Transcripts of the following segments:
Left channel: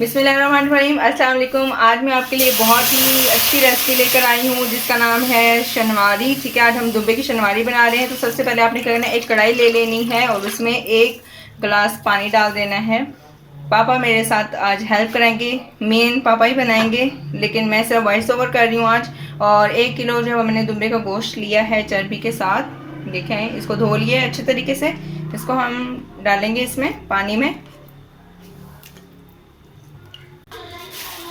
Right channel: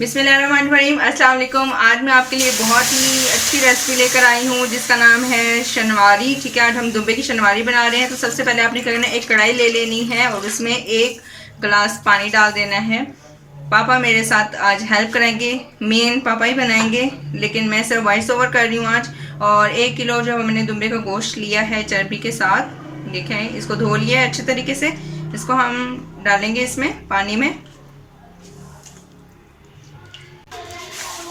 बिस्मिल्लाहिर्रहमानिर्रहीम। अस्सलाम वालेकुम। आज मैं आपके लिए बहुत ही अच्छी रेसिपी लेकर आई हूँ जिसका नाम है शनवारी। ठीक है, आज हम दुम्बे की शनवारी बना रहे हैं। तो सबसे पहले आपने क्या करना है, एक कढ़ाई ले लेनी है और उसमें 1 गिलास पानी डाल देना है। पापा मेरे साथ आज हेल्प करेंगे, मेन पापा ही बनाएंगे, लेकिन मैं सिर्फ वॉइस ओवर कर रही हूँ आज। और 1 किलो जो हमने दुम्बे का गोश्त लिया है चर्बी के साथ, देखें इसको धो लिया है अच्छे तरीके से। इसको हम डालेंगे इसमें पानी में।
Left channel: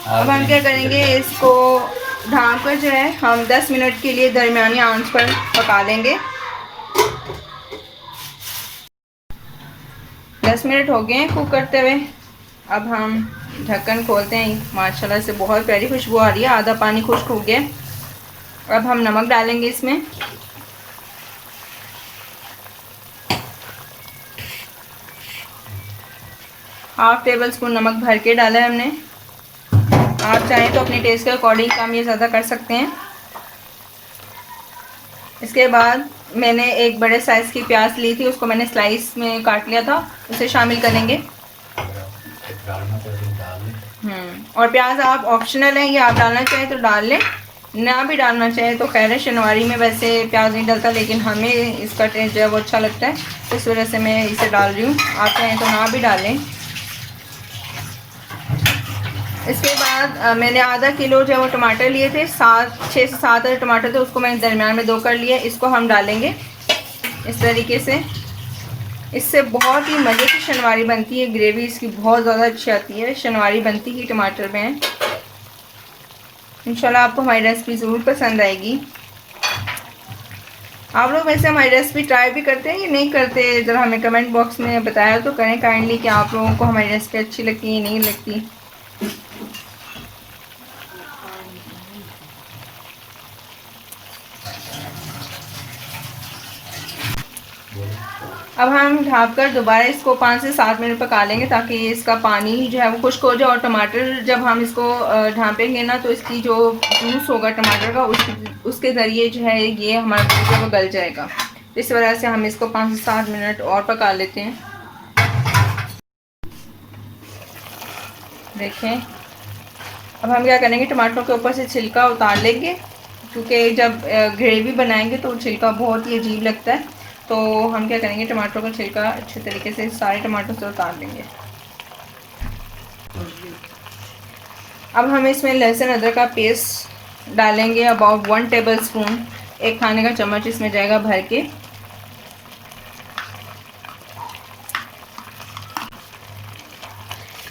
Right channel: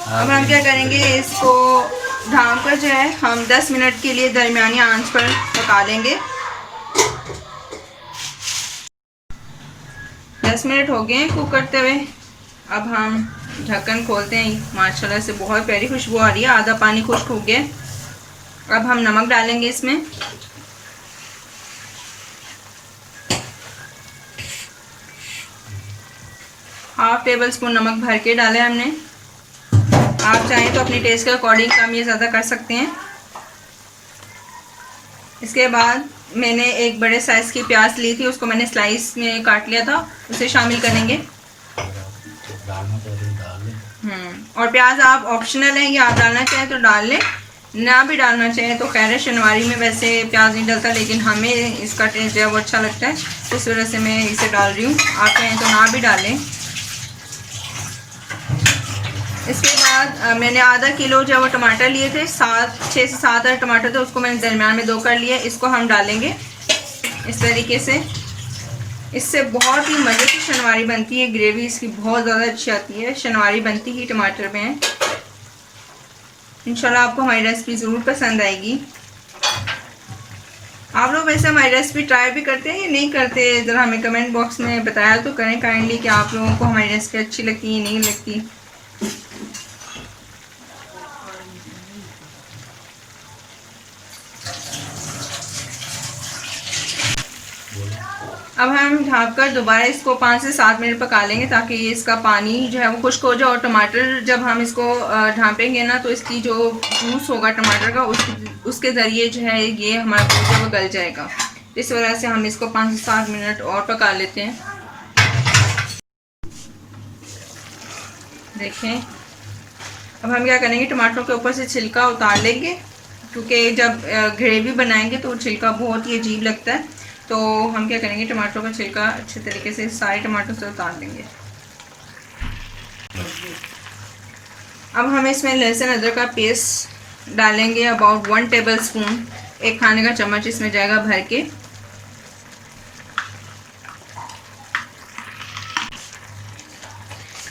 अब हम क्या करेंगे, इसको ढाँक कर जो है हम 10 मिनट के लिए दरमियानी आंच पर पका लेंगे। 10 मिनट हो गए हैं कुक करते हुए। अब हम ढक्कन खोलते हैं। माशाल्लाह से बहुत प्यारी खुशबू आ रही है, आधा पानी खुश्क हो गया। अब हम नमक डालेंगे इसमें। हाफ टेबल स्पून नमक भर के डाला है हमने। आप चाहें तो अपनी टेस्ट के अकॉर्डिंग कम या ज़्यादा कर सकते हैं। इसके बाद मैंने एक बड़े साइज़ की प्याज ली थी, उसको मैंने स्लाइस में काट लिया था, उसे शामिल करेंगे। और प्याज आप ऑप्शनल है, ये आप डालना चाहें तो डाल लें, ना भी डालना चाहें तो खैर है। शनवारी में वैसे प्याज नहीं डलता, लेकिन हमें इसका टेस्ट जो है वो अच्छा लगता है, इस वजह से मैं इसे डाल रही हूँ। आप चाहें तो ना भी डालें। इसके बाद मैंने आधा किलो जो है वो टमाटर लिए थे, 6 से 7 टमाटर थे, उसको मैंने दरमियान में 2 कर लिया। इसको हम डालेंगे इस तरीके से। इससे बहुत ही मज़े की शनवारी बनती है, ग्रेवी इसकी बहुत ज़्यादा अच्छी आती है। शनवारी बनती ही टमाटर में है। इंशाल्लाह आपको हमारी रेसिपी ज़रूर पसंद आएगी। आप लोग वैसे हमारी रेसिपी ट्राई भी करते हैं या नहीं करते, ज़रा हमें कमेंट बॉक्स में बताया तो करें काइंडली कि आप लोगों को हमारी रेसिपी अच्छी लगती है या नहीं लगती। अब हम ढककर दोबारा इसको 5 से 7 मिनट पका लेंगे, ताकि इसका पानी जो है वो खुश्क हो जाए। और टमाटर जब हम इसको ढाँपेंगे ना, तो इसकी जो जूस होगा टमाटर का, उसके ज़रिए जो है ये हमारा दूध है वो गल जाएगा। इस वजह से हम इसको 5 से 7 मिनट और पका लेते हैं। देखें, अब हम क्या करेंगे, टमाटरों के ऊपर से छिलका उतार लेंगे, क्योंकि जब ग्रेवी बनाएंगे तो छिलका बहुत ही अजीब लगता है। तो हम क्या करेंगे, टमाटरों का छिलका अच्छे तरीके से सारे टमाटरों से उतार लेंगे। अब हम इसमें लहसुन अदरक का पेस्ट डालेंगे, अबाउट 1 टेबल स्पून, 1 खाने का चम्मच इसमें जाएगा भर के।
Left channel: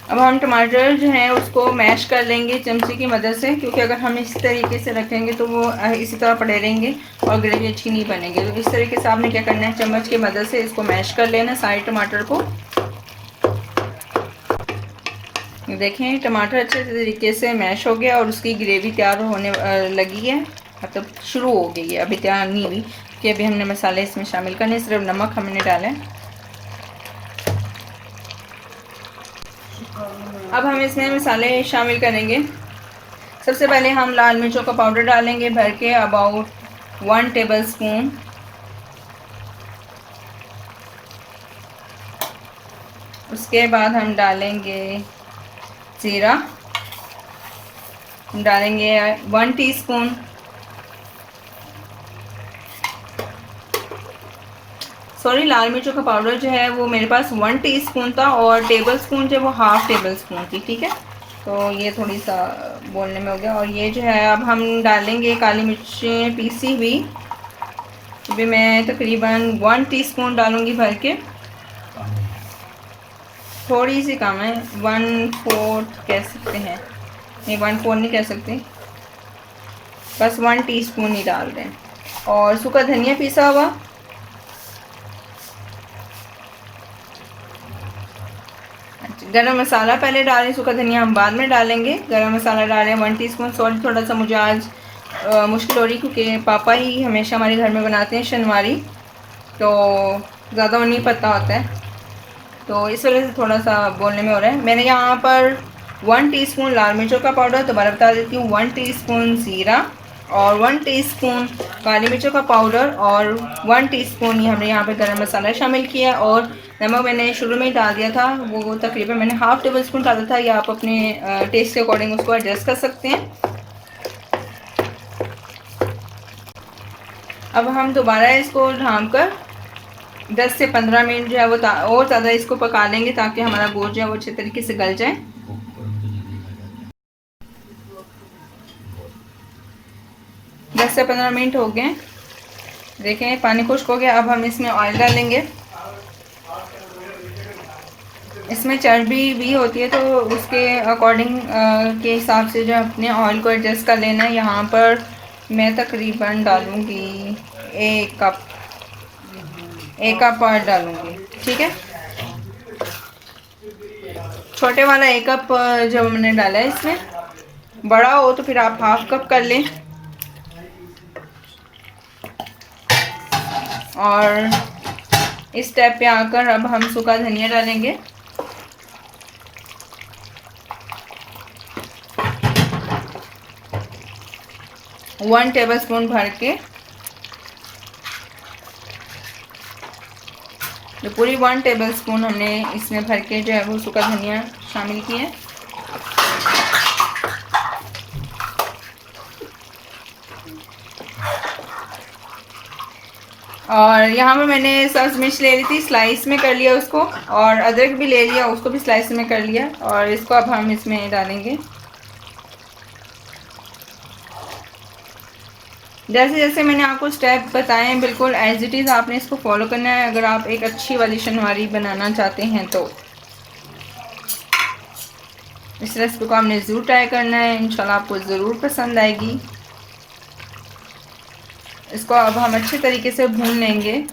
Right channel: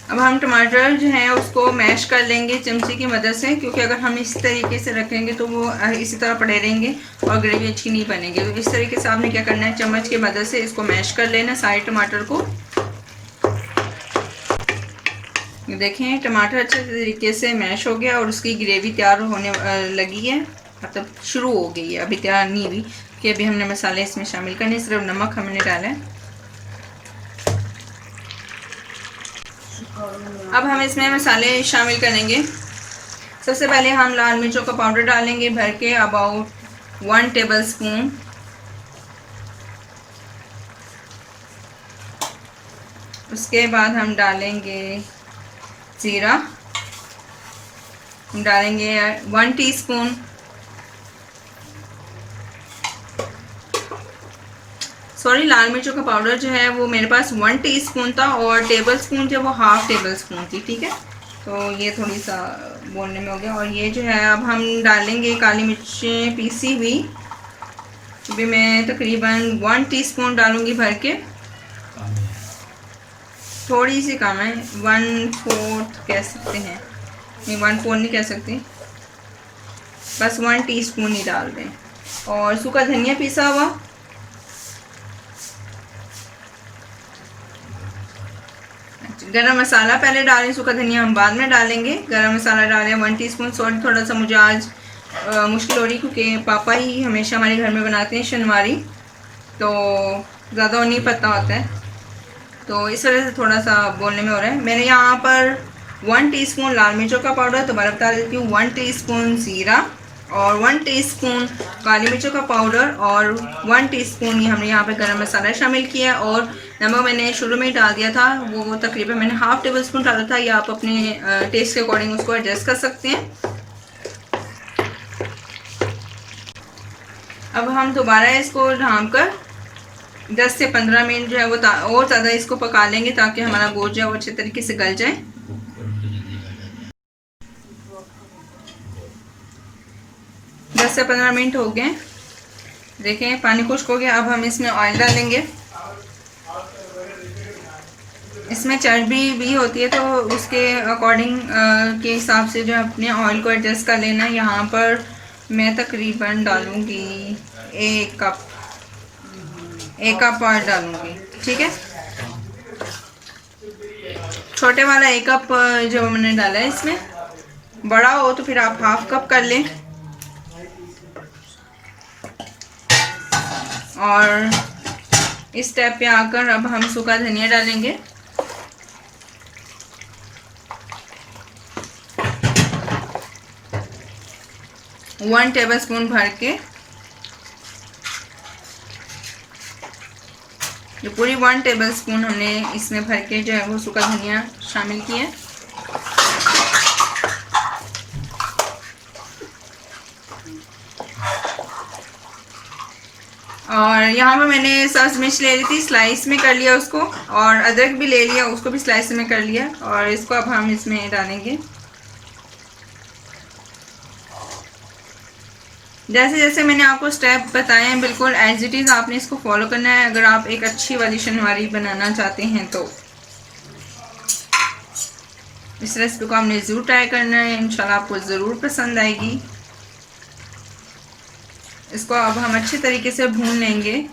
अब हम टमाटर जो है उसको मैश कर लेंगे चमचे की मदद से, क्योंकि अगर हम इस तरीके से रखेंगे तो वो इसी तरह पड़े रहेंगे और ग्रेवी अच्छी नहीं बनेगी। तो इस तरीके से आपने क्या करना है, चम्मच की मदद से इसको मैश कर लेना सारे टमाटर को। देखें, टमाटर अच्छे तरीके से मैश हो गया और उसकी ग्रेवी तैयार होने लगी है, मतलब शुरू हो गई है, अभी तैयार नहीं हुई, कि अभी हमने मसाले इसमें शामिल करने। सिर्फ नमक हमने डाला है। अब हम इसमें मसाले शामिल करेंगे। सबसे पहले हम लाल मिर्चों का पाउडर डालेंगे भर के, अबाउट 1 टेबल स्पून। उसके बाद हम डालेंगे ज़ीरा, हम डालेंगे 1 टीस्पून। सॉरी, लाल मिर्चों का पाउडर जो है वो मेरे पास 1 टीस्पून था और टेबल स्पून जो वो हाफ टेबल स्पून थी। ठीक है, तो ये थोड़ी सा बोलने में हो गया। और ये जो है अब हम डालेंगे काली मिर्चें पीसी हुई, भी मैं तकरीबन 1 टीस्पून डालूंगी भर के। थोड़ी सी कम है, 1/4 कह सकते हैं, नहीं 1/4 नहीं कह सकते, बस 1 टीस्पून ही डाल दें। और सूखा धनिया पीसा हुआ, गरम मसाला पहले डालें, सूखा धनिया हम बाद में डालेंगे। गरम मसाला डालें 1 टीस्पून। सॉल्ट थोड़ा सा मुझे आज मुश्किल हो रही, क्योंकि पापा ही हमेशा हमारे घर में बनाते हैं शनवारी, तो ज़्यादा नहीं पता होता है, तो इस वजह से थोड़ा सा बोलने में हो रहा है। मैंने यहाँ पर 1 टीस्पून लाल मिर्चों का पाउडर, दोबारा बता देती हूँ, 1 टीस्पून ज़ीरा और 1 टीस्पून काली मिर्चों का पाउडर और 1 टीस्पून ही हमने यहाँ पे गरम मसाला शामिल किया और नमक मैंने शुरू में ही डाल दिया था, वो तकरीबन मैंने हाफ़ टेबल स्पून डाला था, या आप अपने टेस्ट के अकॉर्डिंग उसको एडजस्ट कर सकते हैं। अब हम दोबारा इसको ढाँप कर 10 से 15 मिनट जो है वो और ज़्यादा इसको पका लेंगे, ताकि हमारा गोश्त जो है वो अच्छे तरीके से गल जाए। 10 से 15 मिनट हो गए, देखें पानी खुश्क हो गया। अब हम इसमें ऑयल डालेंगे। इसमें चर्बी भी होती है, तो उसके अकॉर्डिंग के हिसाब से जो अपने ऑयल को एडजस्ट कर लेना है। यहाँ पर मैं तकरीबन डालूँगी 1 कप ऑयल डालूँगी, ठीक है। छोटे वाला 1 कप जो मैंने डाला है, इसमें बड़ा हो तो फिर आप हाफ़ कप कर लें। और इस स्टेप पे आकर अब हम सूखा धनिया डालेंगे। वन टेबल स्पून भर के, जो पूरी 1 टेबल स्पून हमने इसमें भर के जो है वो सूखा धनिया शामिल किया है। और यहाँ पर मैंने सब्ज़ मिर्च ले ली थी, स्लाइस में कर लिया उसको, और अदरक भी ले लिया, उसको भी स्लाइस में कर लिया। और इसको अब हम इसमें डालेंगे। जैसे जैसे मैंने आपको स्टेप बताए हैं, बिल्कुल एज इट इज़ आपने इसको फॉलो करना है, अगर आप एक अच्छी वाली शनवारी बनाना चाहते हैं तो। इस रेसिपी को आपने ज़रूर ट्राई करना है, इंशाल्लाह आपको ज़रूर पसंद आएगी। इसको अब हम अच्छे तरीके से भून लेंगे।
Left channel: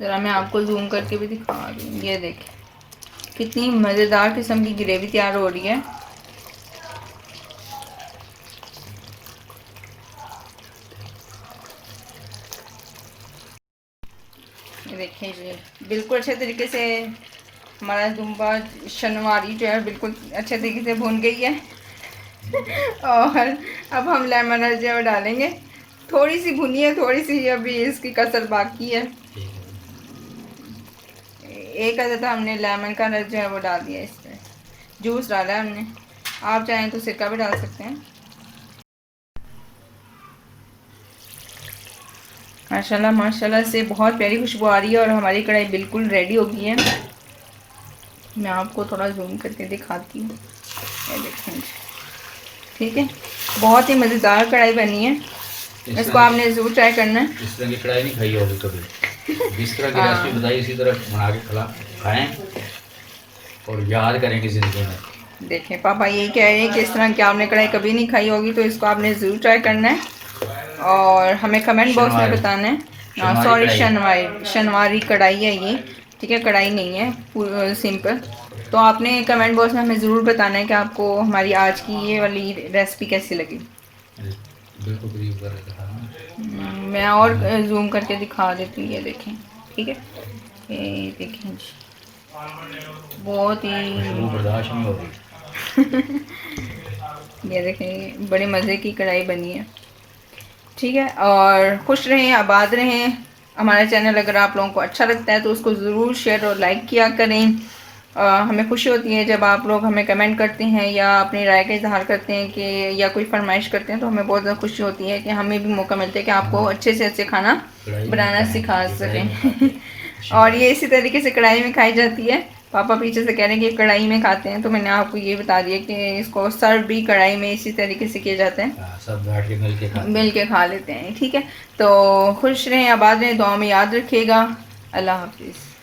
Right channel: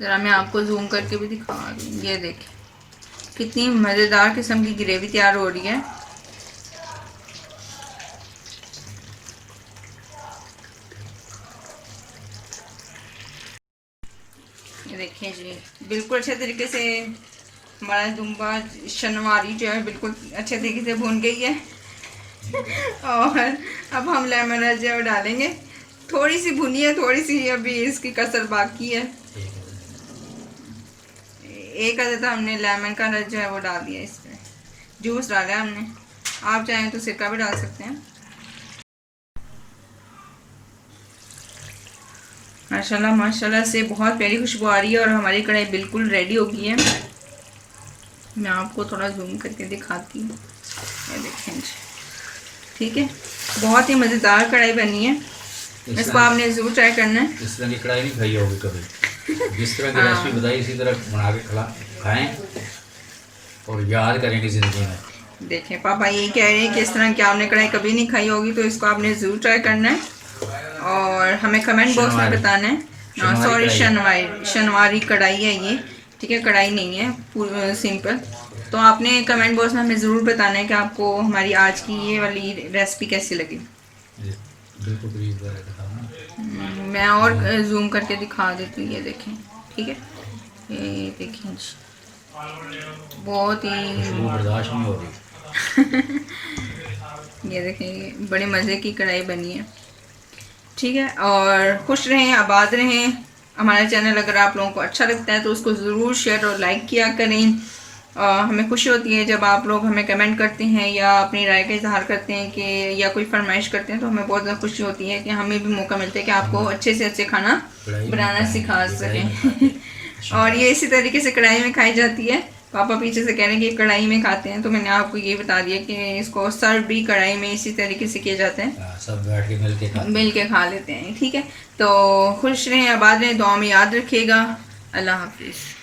ज़रा मैं आपको जूम करके भी दिखा रही हूँ, ये देखें कितनी मज़ेदार किस्म की ग्रेवी तैयार हो रही है। ये देखें जी, बिल्कुल अच्छे तरीके से हमारा दुम्बा शनवारी जो है बिल्कुल अच्छे तरीके से भून गई है। और अब हम लेमन जो है डालेंगे। थोड़ी सी भुनी है, थोड़ी सी अभी इसकी कसर बाकी है। एक अदद हमने लेमन का रस जो है वो डाल दिया, इसमें जूस डाला है हमने। आप चाहें तो सिरका भी डाल सकते हैं। माशाल्लाह माशाल्लाह से बहुत प्यारी खुशबू आ रही है, और हमारी कढ़ाई बिल्कुल रेडी हो गई है। मैं आपको थोड़ा जूम करके दिखाती हूँ, देखें जी, ठीक है। बहुत ही मज़ेदार कढ़ाई बनी है, इसको आपने ज़रूर ट्राई करना है। इस तरह की कढ़ाई नहीं खाई होगी कभी। जिस तरह की रेसिपी बताई इसी तरह बना के खाएं और याद करेंगे ज़िंदगी में। देखें पापा यही कह रहे हैं कि इस तरह की आपने कढ़ाई कभी नहीं खाई होगी, तो इसको आपने ज़रूर ट्राई करना है और हमें कमेंट बॉक्स में बताना है। सॉरी, शनवारी कढ़ाई है ये, ठीक है, कढ़ाई नहीं है, सिंपल। तो आपने कमेंट बॉक्स में हमें ज़रूर बताना है कि आपको हमारी आज की ये वाली रेसिपी कैसी लगी। मैं और जूम करके दिखा देती हूँ, ये देखें, ठीक है, ये देखें जी, बहुत ही ये देखें बड़े मज़े की कढ़ाई बनी है, ठीक है। और खुश रहें, आबाद रहें। हमारा चैनल अगर आप लोगों को अच्छा लगता है तो उसको ज़रूर शेयर और लाइक किया करें। हमें खुशी होती है जब आप लोग हमें कमेंट करते हैं या अपनी राय का इजहार करते हैं कि या कोई फरमाइश करते हैं, तो हमें बहुत ज़्यादा खुशी होती है कि हमें भी मौका मिलता है कि आपको अच्छे से अच्छे खाना बनाना सिखा सकें। और ये इसी तरीके से कढ़ाई में खाई जाती है। पापा पीछे से कह रहे हैं कि कढ़ाई में खाते हैं, तो मैंने आपको ये बता दिया कि इसको सर्व भी कढ़ाई में इसी तरीके से किया जाता है, सब बैठ के मिल के खा लेते हैं, ठीक है। तो खुश रहें, आबाद रहें, दुआ में याद रखिएगा। अल्लाह हाफिज़।